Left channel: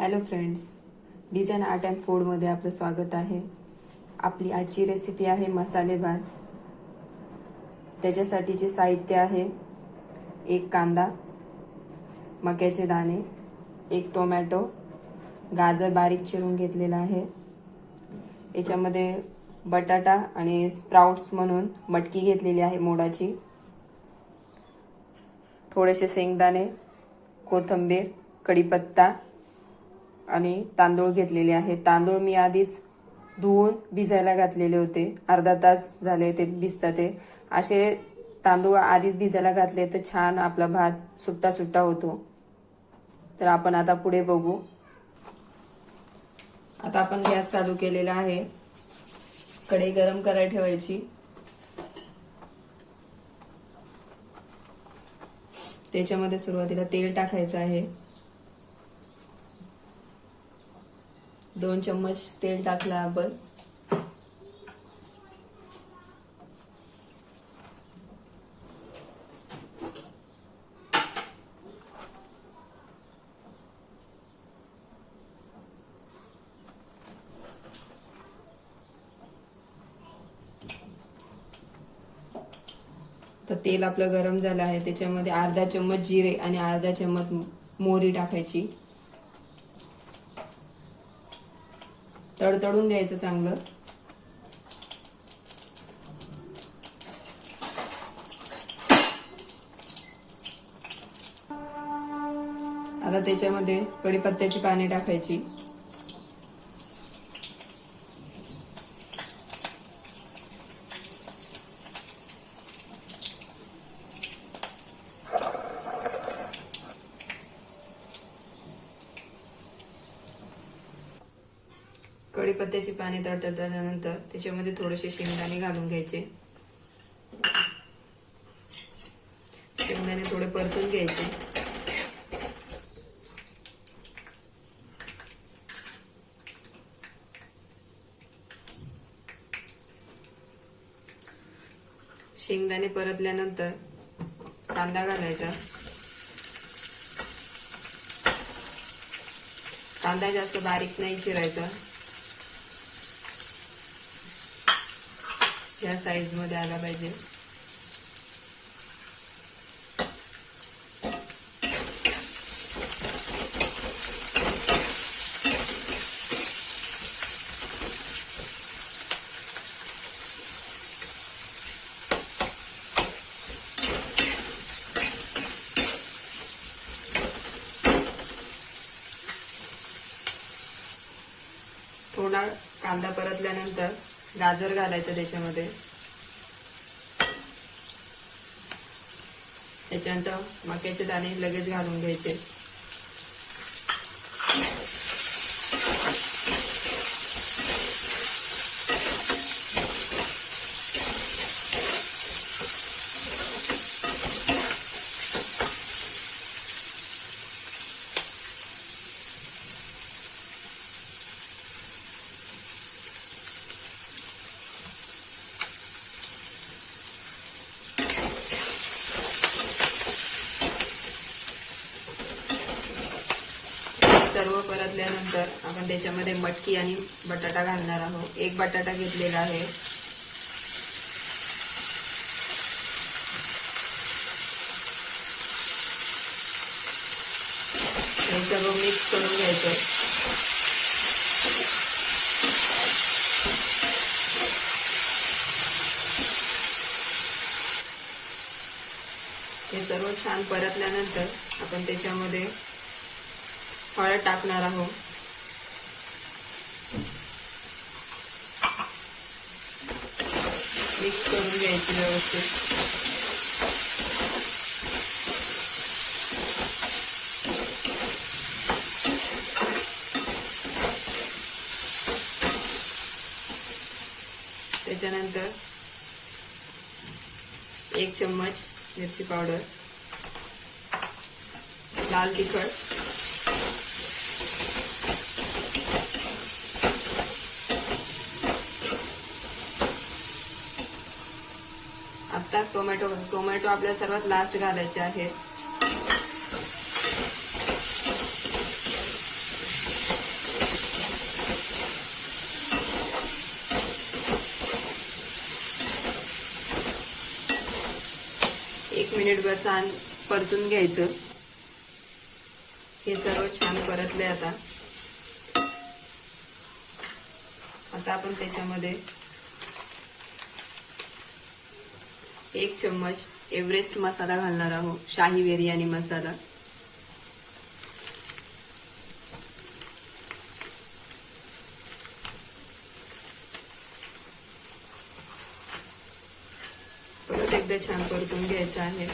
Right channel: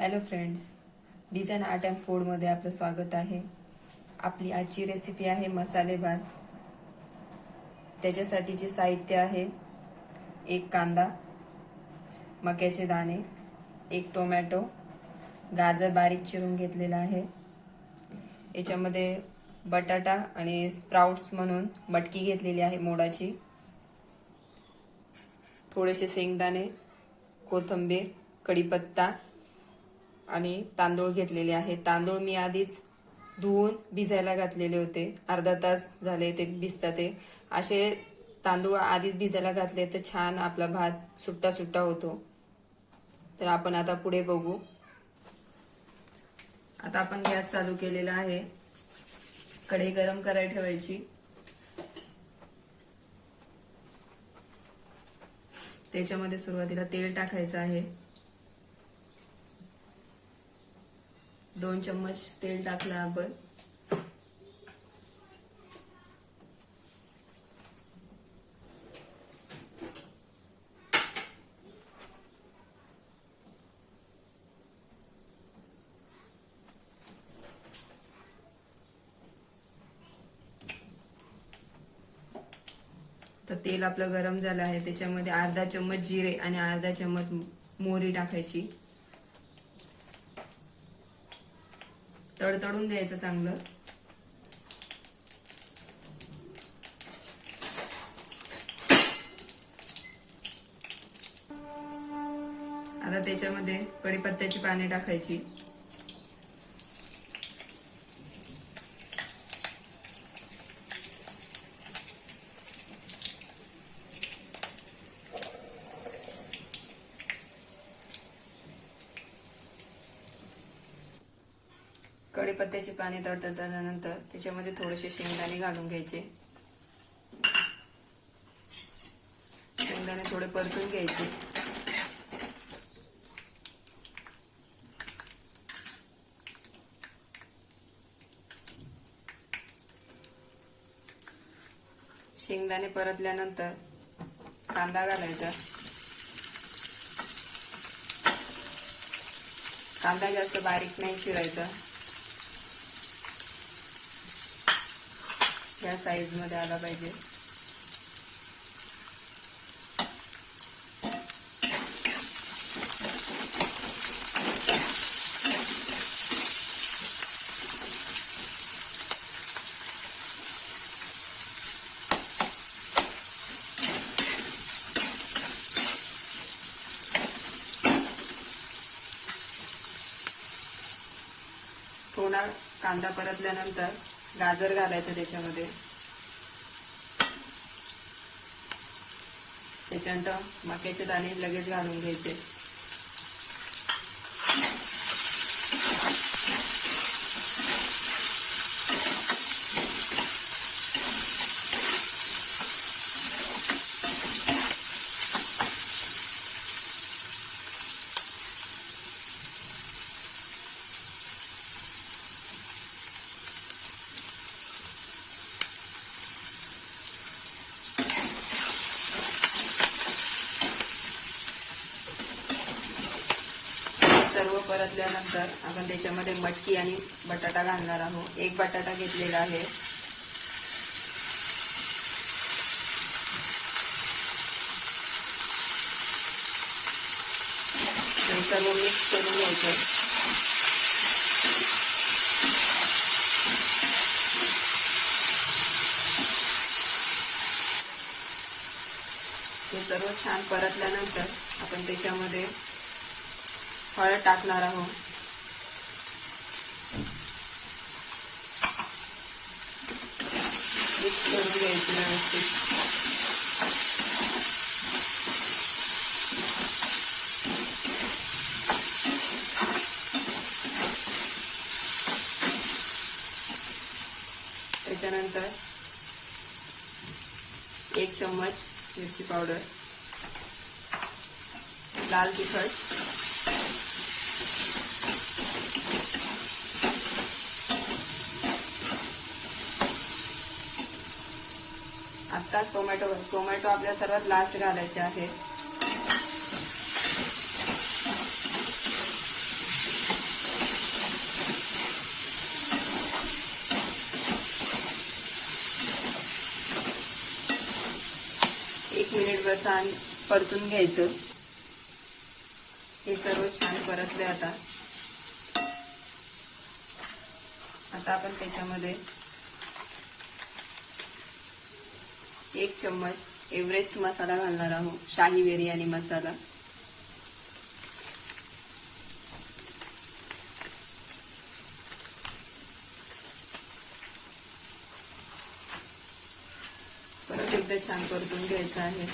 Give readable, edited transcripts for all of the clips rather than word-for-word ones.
Hello friends, design art and फूडमध्ये आपलं स्वागत आहे. आपली आजची रेसिपी आहे मसाले भात. त्याच्यासाठीचे साहित्य आहे: एक कांदा, मक्याचे दाणे, एक टोमॅटो, गाजर बारीक चिरून घेतलेला आहे. याच्यामध्ये बटाटा आणि स्प्राउट्स म्हणून मटकी घेतलेली आहे मोडाची, थोडेसे शेंगदाणे, कोथिंबीर, कढीपत्ता आणि तांदूळ घेतलेले आहे. तांदूळ मी आधीच धुवून भिजायला घातलेले होते, अर्धा तास झाले ते भिजतात. ते असे तांदूळ आधीच भिजायला घातले तर छान आपला भात सुट्टा सुट्टा होतो. तर आपण आता पुढे बघू. आता आपण गॅस चालू केलेला आहे. कढई गरम करायला ठेवायची. त्याच्यामध्ये सुरुवातीला तेल टाकायचं आहे. 2 चम्मच तेल टाकलं आपण. तर तेल आपलं गरम झालं आहे. त्याच्यामध्ये अर्धा चम्मच जिरे आणि अर्धा चम्मच मोहरी टाकायची. तडतडून द्यायचं चांगलं. आता त्याच्यामध्ये कढीपत्त्याची पाने टाकायची. कढीपत्त्याची पाने तडतडल्यानंतर त्याच्यामध्ये थोडेसे शेंगदाणे घालून घ्यायचे. शेंगदाणे थोडे परतून घ्यायचे. शेंगदाणे परतल्यानंतर कांदा घालायचा. कांदा जास्त बारीक नाही चिरायचा, या साईज मध्ये आला पाहिजे. थोडा कांदा परतल्यानंतर गाजर घालायचं त्याच्यामध्ये. त्याच्यानंतर मक्याचे दाणे लगेच घालून घ्यायचे. सर्व परतल्यानंतर आपण त्याच्यामध्ये मटकी आणि बटाटा घालणार आहोत. एक बटाटा घेतलेला आहे. हे सर्व मिक्स करून घ्यायचं. हे सर्व छान परतल्यानंतर आपण त्याच्यामध्ये हळद टाकणार आहोत. मिक्स करून घ्यायची व्यवस्थित. त्याच्यानंतर 1 चम्मच मिरची पावडर, लाल तिखट, आता टोमॅटो आपल्या सर्वात लास्ट घालायचे आहे. सगळं छान परतून घ्यायचं। हे सर्व छान परतले। आता आपण त्याच्यामध्ये 1 चम्मच एव्हरेस्ट मसाला घालणार आहोत, शाही बिर्याणी मसाला। परत एकदा छान परतून घ्यायचं आहे।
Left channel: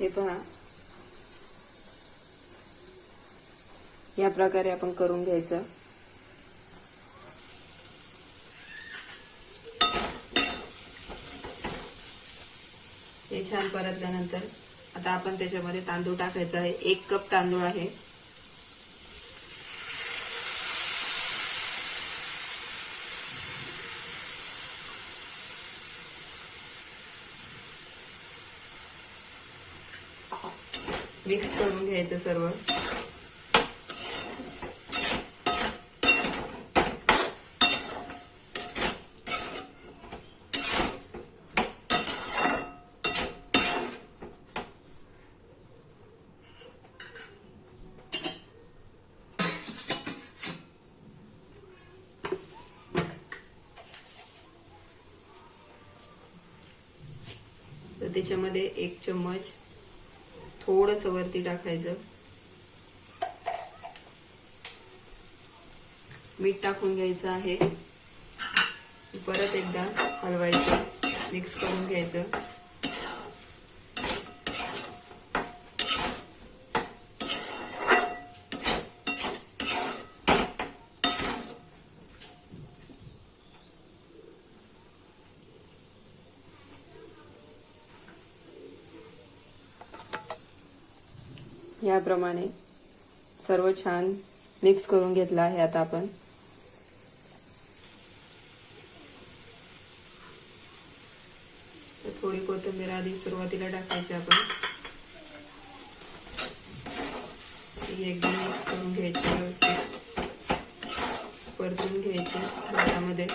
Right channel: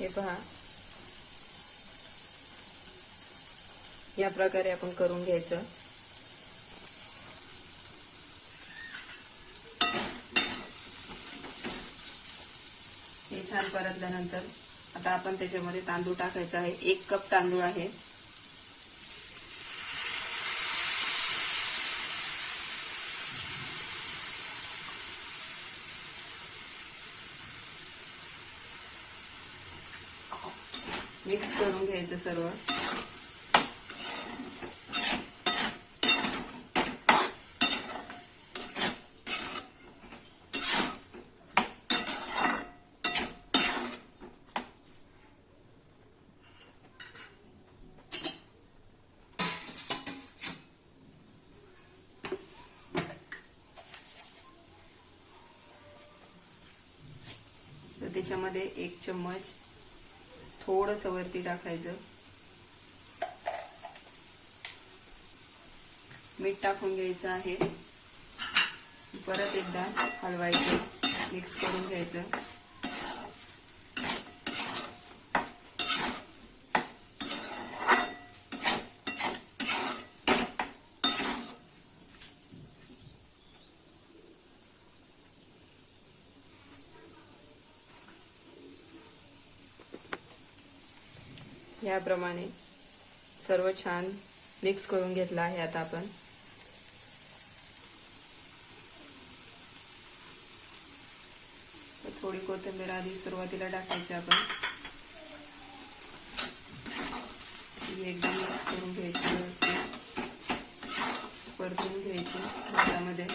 हे पहा, या प्रकारे आपण करून घ्यायचं। हे छान परतल्यानंतर आता आपण त्याच्यामध्ये तांदूळ टाकायचा आहे। 1 कप तांदूळ आहे। मिक्स करून घ्यायचं सर्व। तर त्याच्यामध्ये 1 चम्मच थोडस वरती टाकायचं, मीठ टाकून घ्यायचं आहे। परत एकदा हलवायचं, मिक्स करून घ्यायचं। याप्रमाणे सर्व छान मिक्स करून घेतलं आहे। आता आपण थोडी कोथिंबीर आधी सुरुवातीला टाकायची। आपण एकदम मिक्स करून घ्यायची, व्यवस्थित परतून घ्यायची भातामध्ये।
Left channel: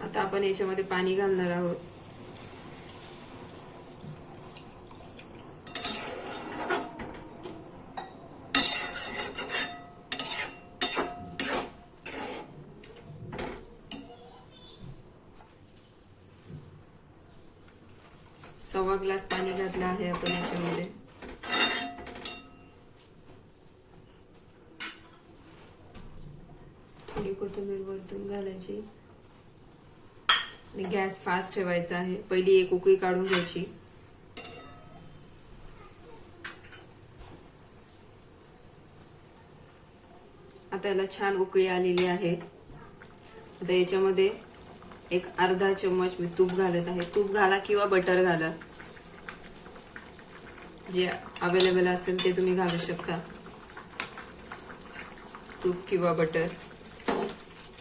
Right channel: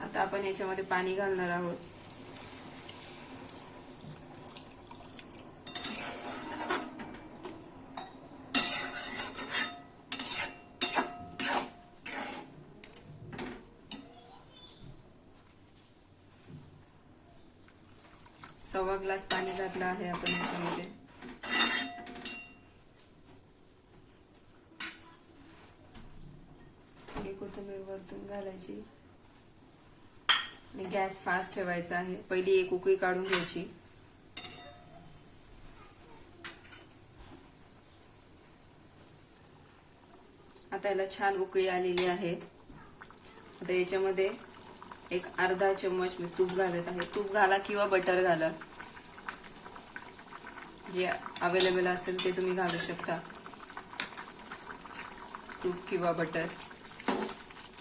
आता आपण याच्यामध्ये पाणी घालणार आहोत। सव्वा ग्लास पाणी घातलं आहे आपण याच्यामध्ये। थोडी कोथिंबीर वरतून घालायची आणि गॅस फास्ट ठेवायचा आहे। पहिली 1 उकळी काढून घ्यायची। आता याला छान उकळी आलेली आहे। आता याच्यामध्ये 1 अर्धा चम्मच मी तूप घालत आहे। तूप घाला किंवा बटर घाला, जे अवेलेबल असेल ते तुम्ही घालू शकता। तूप किंवा बटर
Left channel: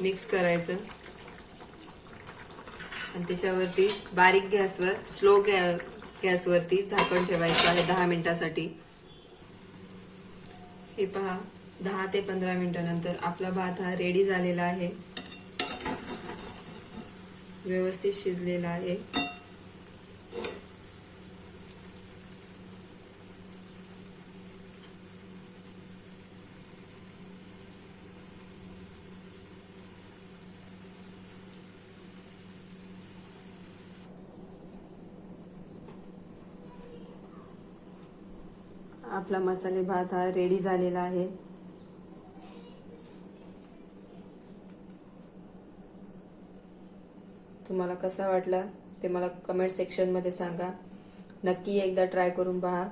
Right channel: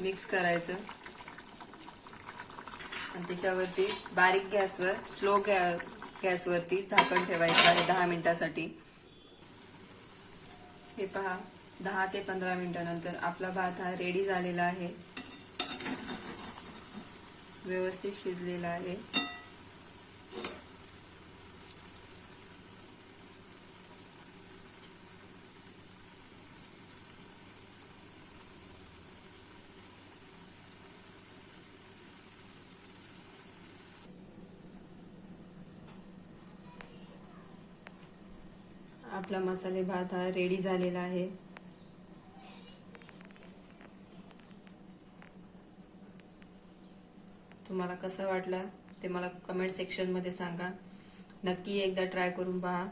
मिक्स करायचं आणि त्याच्यावरती बारीक गॅसवर, स्लो गॅसवरती झाकण ठेवायचं आहे 10 मिनिटांसाठी। हे पहा, 10 ते 15 मिनिटांनंतर आपला भात हा रेडी झालेला आहे, व्यवस्थित शिजलेला आहे। आपला मसाले भात हा रेडी झालेला आहे। तुम्हाला कसा वाटला ते मला कमेंट सेक्शन मध्ये सांगा। नक्की एकदा ट्राय करून पहा।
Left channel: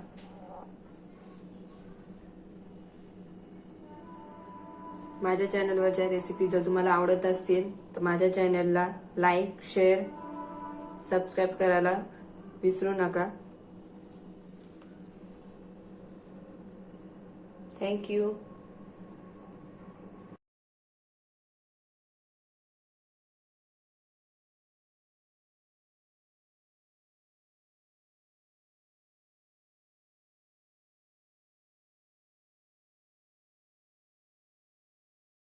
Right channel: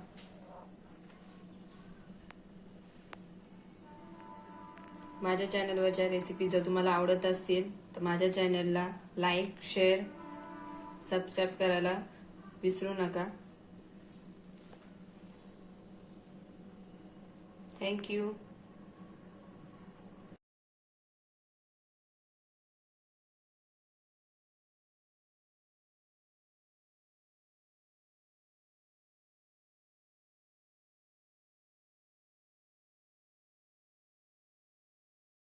माझ्या चॅनलवरच्या रेसिपी जर तुम्हाला आवडत असतील तर माझ्या चॅनलला लाईक, शेअर, सबस्क्राईब करायला विसरू नका। थँक्यू.